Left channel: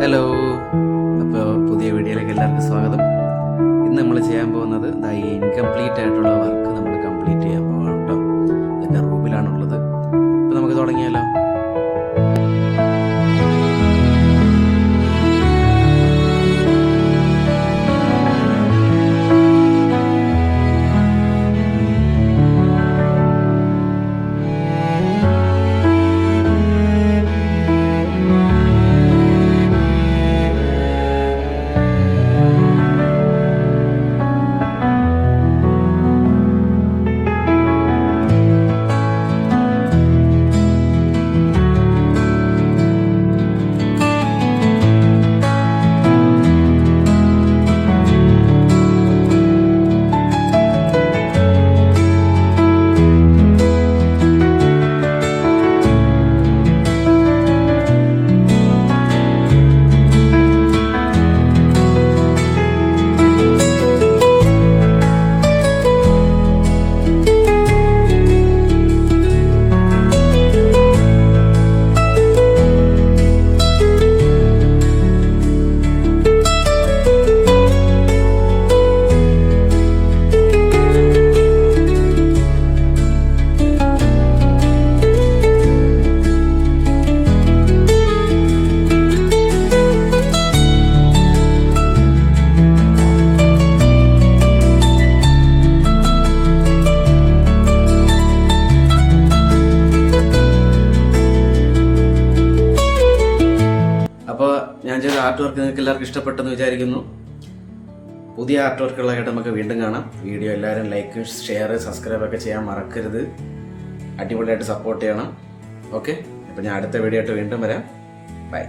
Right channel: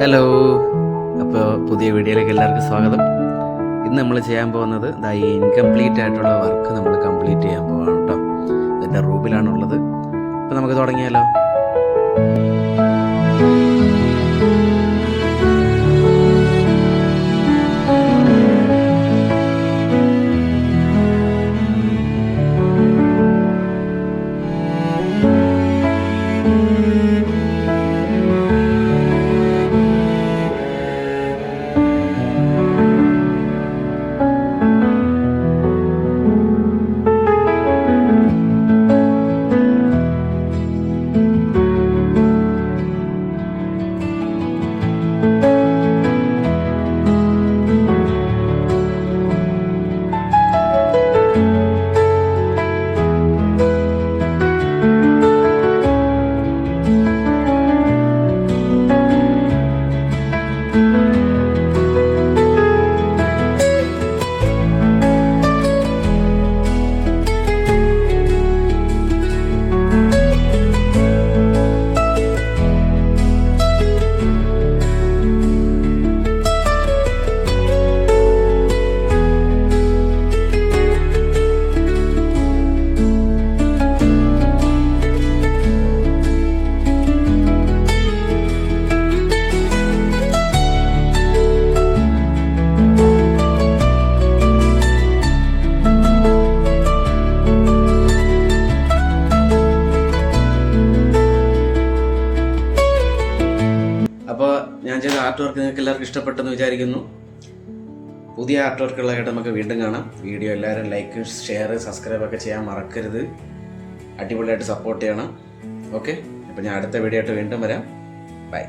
Hello, അപ്പോൾ പുതിയ വീഡിയോയിലേക്ക് എല്ലാവർക്കും സ്വാഗതം. ഇന്ന് നമ്മൾ ചെയ്യാൻ പോകുന്നത് ഈ ഇൻകംപ്ലീറ്റ് ആയിട്ടുള്ള വർക്ക് നമ്മൾ കംപ്ലീറ്റ് ചെയ്യാൻ പോവാണ് കേട്ടോ. ഇതിൻ്റെ റൂമിലാണുള്ളത്. അപ്പോൾ നമുക്ക് തുടങ്ങിയാലോ. അപ്പോൾ ഞാൻ ചെയ്ത ആർട്ട് വർക്ക് നിങ്ങൾക്ക് എല്ലാവർക്കും ഇഷ്ടപ്പെട്ടെന്ന് വിചാരിക്കുന്നു. പുതിയ ആർട്ട് വർക്കുകളായിട്ട് നമുക്ക് വീണ്ടും കാണാം. വീഡിയോ എല്ലാവരും ലൈക്ക്, ഷെയർ, സബ്സ്ക്രൈബ് ഒക്കെ ചെയ്യാൻ മറക്കരുത്. അടിപൊളിയായിട്ട് സപ്പോർട്ട് ചെയ്യണം. ഓക്കെ, അപ്പോൾ ഞാൻ അടുത്ത വീഡിയോ ആയിട്ട് വീണ്ടും വരാം. ബൈ.